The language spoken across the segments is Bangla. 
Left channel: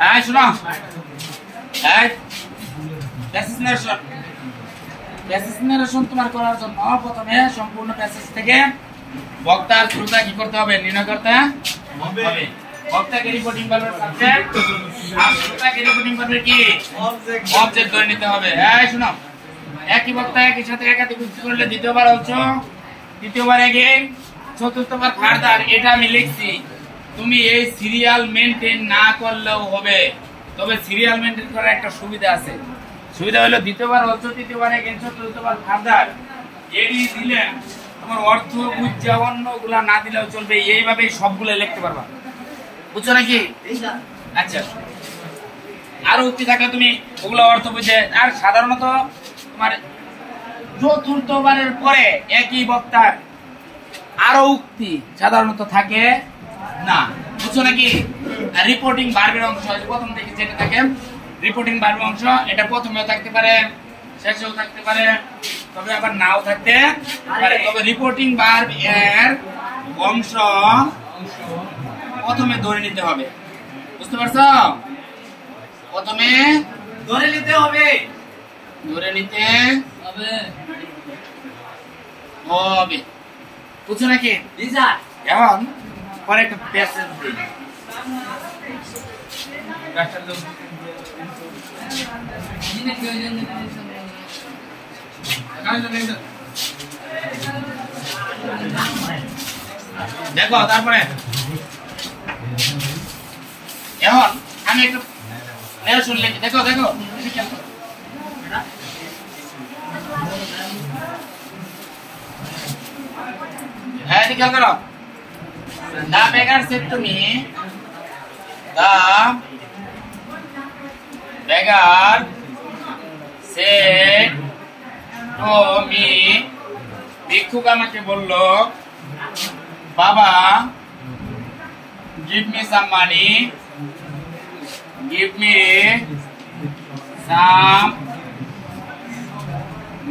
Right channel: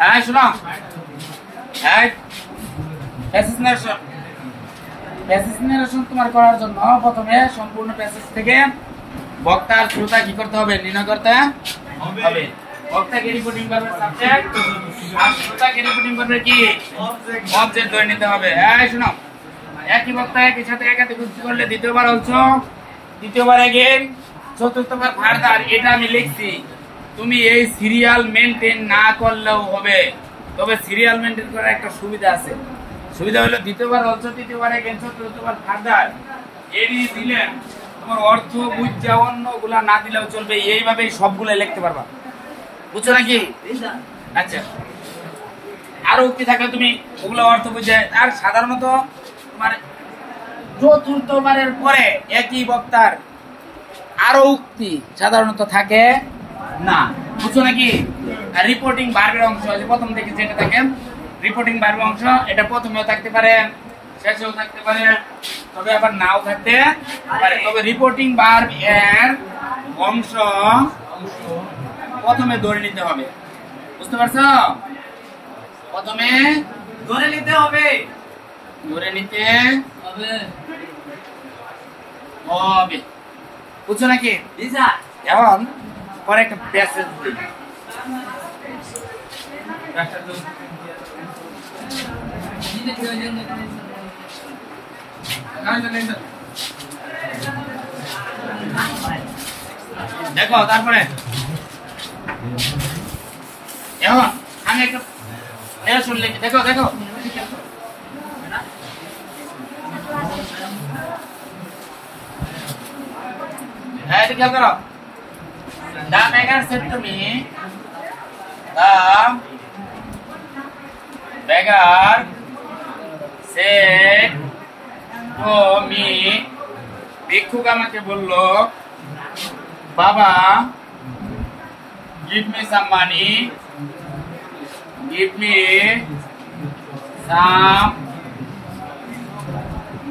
হ্যাঁ শুনো, প্যাসেজ নারেশন তোমার করার জন্য প্রথমে সম্পূর্ণ প্যাসেজ থেকে বক্তার শ্রোতা কি করতে হবে, নির্ণয় করতে হবে। বক্তাকে রিপোর্টিং ভার্বের সাবজেক্ট আর শ্রোতাকে রিপোর্টিং ভার্বের কি অবজেক্ট ধরে নিতে হবে। এই শুনো, একই বক্তা একই সাথে একাধিক উক্তি করলে দ্বিতীয়বার অংশ, তৃতীয়বার এগেইন, চতুর্থবার ফার্দার। এটা আমি লিখছি, তুমি এই সিরিয়াল মেইনটেইন না করলেও হবে, তবে সিরিয়াল মেইনটেইন করার একটা সুবিধা আছে। সুবিধা হলো দ্বিতীয়বার অংশ, তৃতীয়বার এগেইন, চতুর্থবার ফার্দার এডি দিলে তোমার অর্থ বুঝা অন্যগুলা না দিলেও চলবে, এইভাবে সবগুলো লিখতে পারবা। বুঝছো নাকি? আচ্ছা, আরো উক্তি থাকলে তুমি ওগুলো অর্থ বুঝে। আর সাধারণত তোমার চতুর্থবারের পরে একই বক্তার আরো উক্তি সাধারণত থাকে না। বুঝছো নাকি? রিপোর্টিং ভার্বের অংশ প্রথম থেকে যেটা থাকে রিপোর্টিং ভার্বের অংশ, এটা প্রথমেও থাকতে পারে, শেষেও থাকতে পারে, তবে আবার নাও থাকতে পারে। তবে রিপোর্টিং ভার্ব এর অংশ প্রথমে ধরে নিতে হবে। বুঝতে পারছো? প্রথমে ধরে নিতে হবে, ধরে নিতে হবে। বুঝছো নাকি? এখন পরে একটা প্যাসেজ দেখো, তারপরে এখন আমি একটা লিখি। দেখো দেখো, হ্যাঁ এদিকে খেয়াল করো। The beggar said to me, the beggar said to me, ভিক্ষুক আমাকে বলল, বাবা give me some money, give me some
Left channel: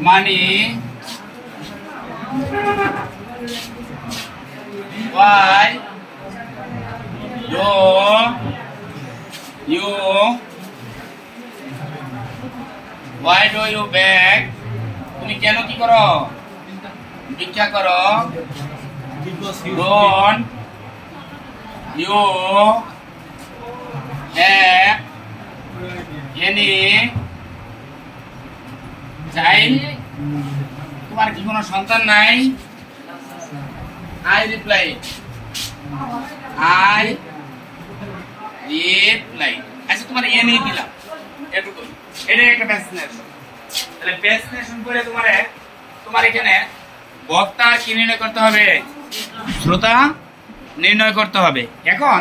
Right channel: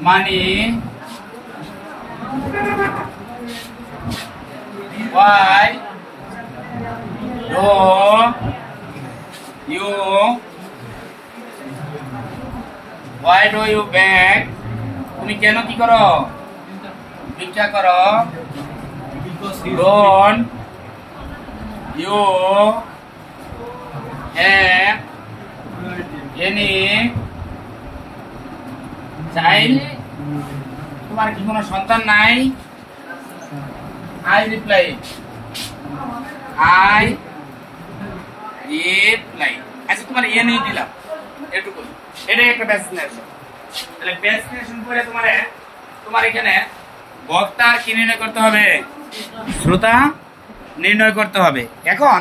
money. Why do you beg? তুমি কেন কি করো? ভিক্ষা করো। Don't you have any child? তোমার কি কোনো সন্তান নাই? I reply. আচ্ছা, তোমার এ নেই দিলাম, এটুকু। এটাই একটা প্যাসেজ। তাহলে প্যাসেজ করে তোমার এখানে বক্তার কি নির্ণয় করতে হবে? শ্রোতা নির্ণয় করতে হবে। এখন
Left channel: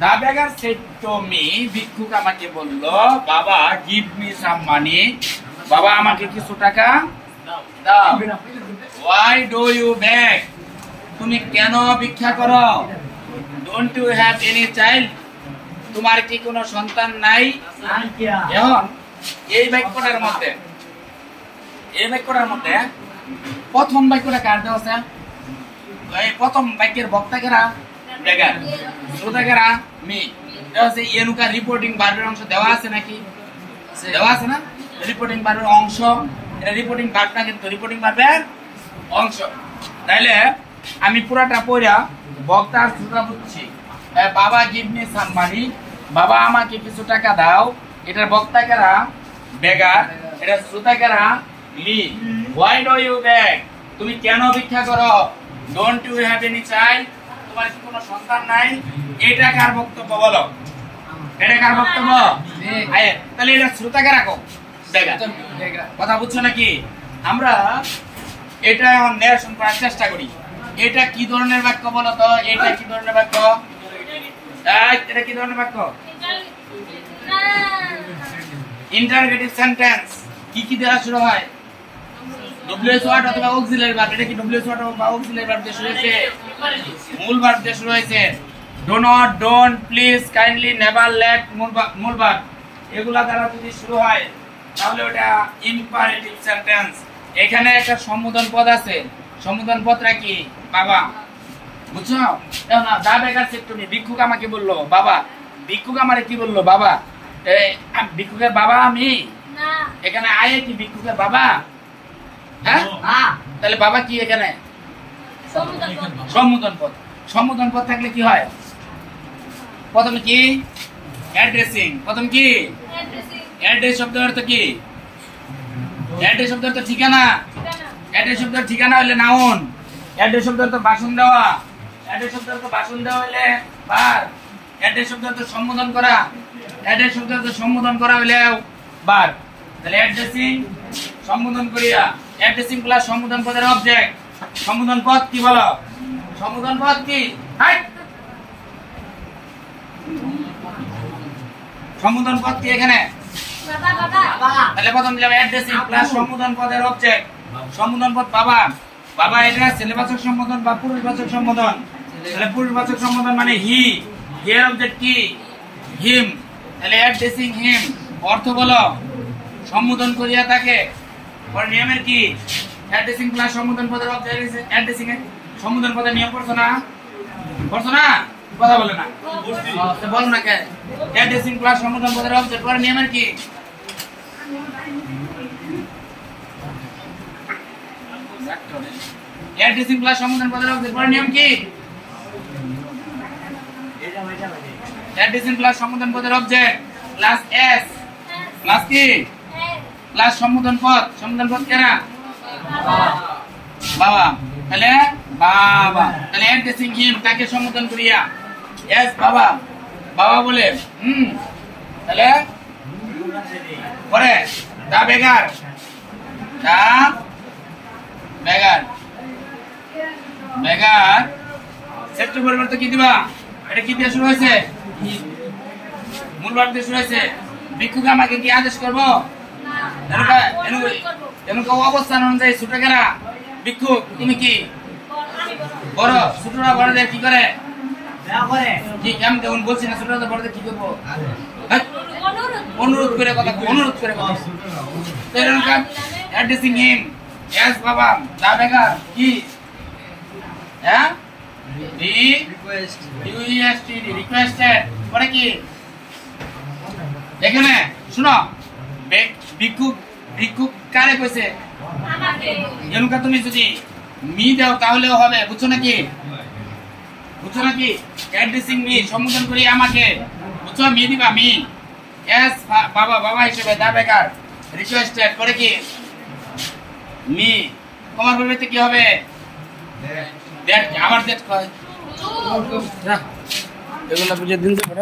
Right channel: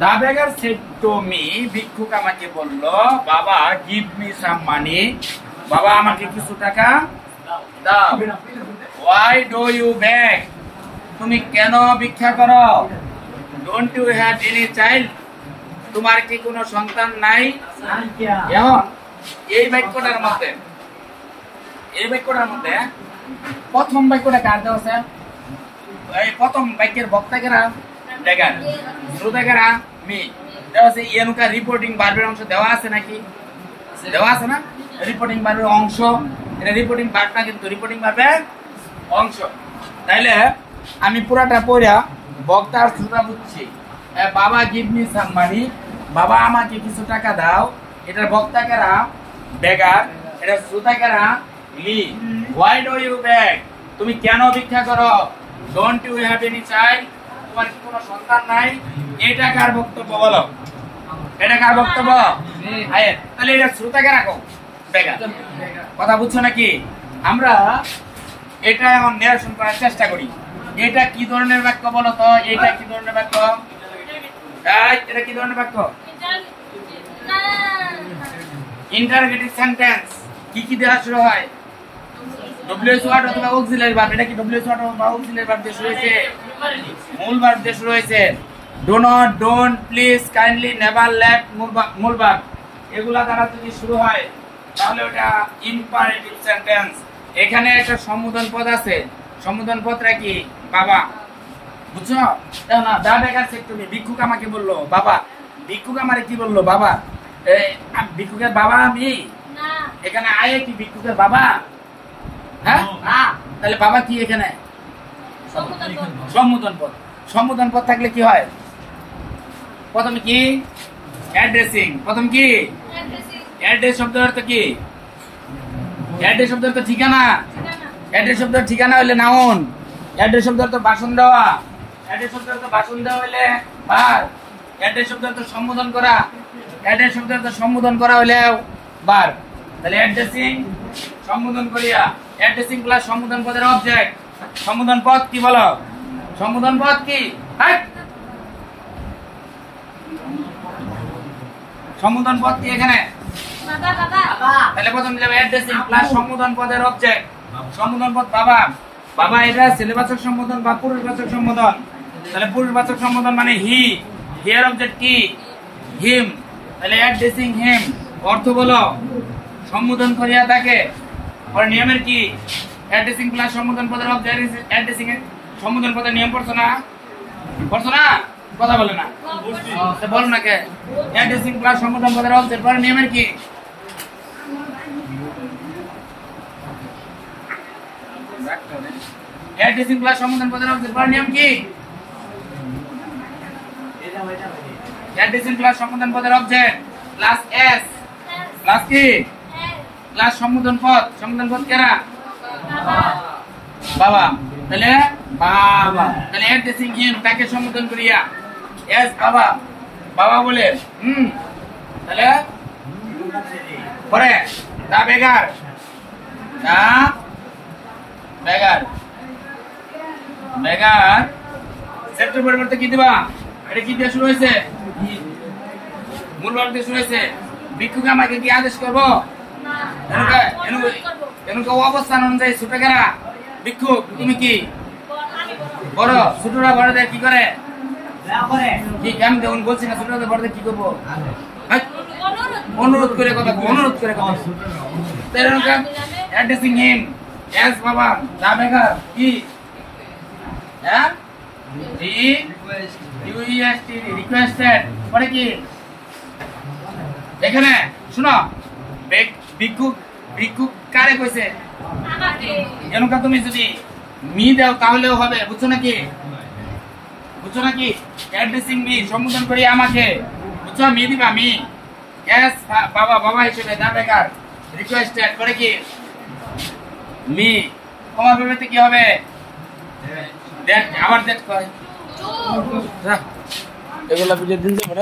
the beggar said to me, ভিক্ষুক আমাকে বলল, বাবা give me some money, বাবা আমাকে কিছু টাকা দাও। Why do you beg? তুমি কেন ভিক্ষা করো? Don't you have any child? তোমার কি কোনো সন্তান নাই? এখন এই বাক্যটার মধ্যে প্রথম বাক্যটা কার দেওয়া আছে? এই প্রথম বাক্যের বক্তা কারা? বেগার। শ্রোতা কারা? মি। দেওয়া আছে এনুকা রিপোর্টিং ভার্বের অংশ দেওয়া আছে নাকি? দেওয়া আছে না? রিপোর্টিং ভার্বের অংশ, এটা রিপোর্টিং ভার্বটা কিন্তু রিপোর্টিং ভার্বের অংশ। তাইলে আমি পুরাটা পড়া বক্তার শ্রোতা বুঝছি। বাবা গিভ মি সাম মানি, বাবা আমাকে কিছু টাকা দাও। এটার বক্তা কারা? বেগার। এটা শ্রোতা কারা? Me. Why do you beg? তুমি কেন ভিক্ষা করো? Don't you have any child? তোমার কি কোনো সন্তান নাই? এটা কার বক্তব্য বলো? এটা কার বক্তব্য? তাহলে এটা শ্রোতা কারা? বেগার। কথা বুঝছো নাকি? আমরা এটা এখন নিরসন করার চেষ্টা করি। এটা কি ধরনের বাক্য বলো তো? এটা কি ধরনের বাক্য? এটা কি ধরনের বাক্য? Interrogative sentence. কি কি দেওয়া শুরু হয়? ডব্লিউএস ওয়ার্ড অথবা অক্সিলারি ভার্ব। এটা কি ডব্লিউএস ওয়ার্ড অথবা অক্সিলারি ভার্ব দিয়ে শুরু হয়েছে? মূল ভার্ব দিয়ে শুরু হয়েছে। Do not, don't, please, kindly, never, let, মূল ভার্ব এগুলা দ্বারা যদি শুরু হয় তাহলে ওটা ইম্পারেটিভ সেন্টেন্স। এখানে একটা সম্বোধন পদ আছে। সম্বোধন পদটা কি? বাবা। বুঝছো? এও না দা বেকার সেট তুমি ভিক্ষুক আমাকে বললো বাবা, ভিক্ষুক আমারে কি বললো বাবা, ভিক্ষুকের বাবা আমি না এখানে আয়ে কি ভিক্ষুকের বাবা? হ্যাঁ না, তাহলে বাবা কি এখানে? সম্বোধন পদ। সম্বোধন পদ থাকলে কি হয়? প্রথমে কি অ্যাড্রেসিং, প্রথম কি অ্যাড্রেস শব্দের অর্থ কি? অ্যাড্রেস শব্দের অর্থ ঠিকানা। অ্যাড্রেস শব্দের ঠিকানা হইলে নাউন। অ্যাড্রেস শব্দের অর্থ ভাষণ দেওয়া। অ্যাড্রেস শব্দের অর্থ ভাষণ দেওয়া হইলে ভার্ব। অ্যাড্রেস শব্দের অর্থ সম্বোধন করা। অ্যাড্রেস শব্দের অর্থ সম্বোধন করা হইলে ভার্ব। তাহলে অ্যাড্রেসিং সম্বোধন করিয়া, অ্যাড্রেসিং প্লাস সম্বোধন পদের অবজেক্ট। সম্বোধন পদ কি বলো? সম্বোধন পদ কি? সম্বোধন পদ কি এখানে? বাবা বাবা তাহলে প্রথম দিলাম অ্যাড্রেসিং প্লাস সম্বোধন পদের অবজেক্ট। সম্বোধন পদ বাবা। বাবা এটা ছেলেবাচক সম্বোধন বা পুরুষবাচক সম্বোধন। তাহলে পুরুষবাচক সম্বোধন মানে হি। হিয়ার অবজেক্ট কি? হিম। তাহলে অ্যাড্রেসিং হিম অর্থ বলো সম্বোধন করিয়া তাকে। পরে নিয়মের কি? অ্যাড্রেসিং প্লাস সম্বোধন পদের অবজেক্ট। অ্যাড্রেসিং এর সম্বোধন পদের নিয়ম পড়ছো না? পড়ছো না? কথা বলে না বল না কে? অ্যাড্রেসিং প্লাস সম্বোধন পদের অবজেক্ট। পরে নিয়মের কি? অ্যাড্রেসিং প্লাস সম্বোধন পদের অবজেক্ট। পরে নিয়ম কি? অ্যাড্রেসিং প্লাস সম্বোধন পদের অবজেক্ট প্লাস এস প্লাস কি? প্লাস সম্বোধন পদ। সম্বোধন পদ কেনা? বাবা। তাহলে বাবা, তাহলে অ্যাড্রেসিং হিম তাকে সম্বোধন করিয়া এস বাবা, বাবা বলে তাহলে পরে দা বেগার, দা বেগার, বেগার সেপ্টেম্বর পরিবর্তে কি দিবা? এটা কি দিয়ে শুরু হয়েছে? মূল ভাব দিয়ে শুরু হয়েছে। ভিক্ষুক আমাকে কি আদেশ করবো? এরকম অবস্থান অনুযায়ী ছোট কেনা ভিক্ষুক তুমি কি বড়? ছোটরা বড়দের কি করে? আমি যেমন বলছি না ছোটরা বড়দের কি করবো? অনুরোধ করে কথা, অনুরোধ করে কথা। অ্যাড্রেসিং হিম এস বাবা, দা বেকার কি? হ্যাঁ রিকোয়েস্টেড পরে কি? এখানে শুনো ভিক্ষুক, ভিক্ষুক কারে কইছে? এরকম তুমি যদি মি দাও তাহলেও হবে, বুঝছো নাকি? বুঝছো নাকি? অ্যাড্রেসিং মি সম্বোধন করি আমাকে, বুঝছো? মি দিবা মি। এস বাবা, বাবা হিসেবে দা বেকার রিকোয়েস্টেড পরে কি? মি। তোমার পরিবর্তে কি হবে? দ্যাট। আবার দ্যাট কয় এগুলা বুঝে দিন তো বড়।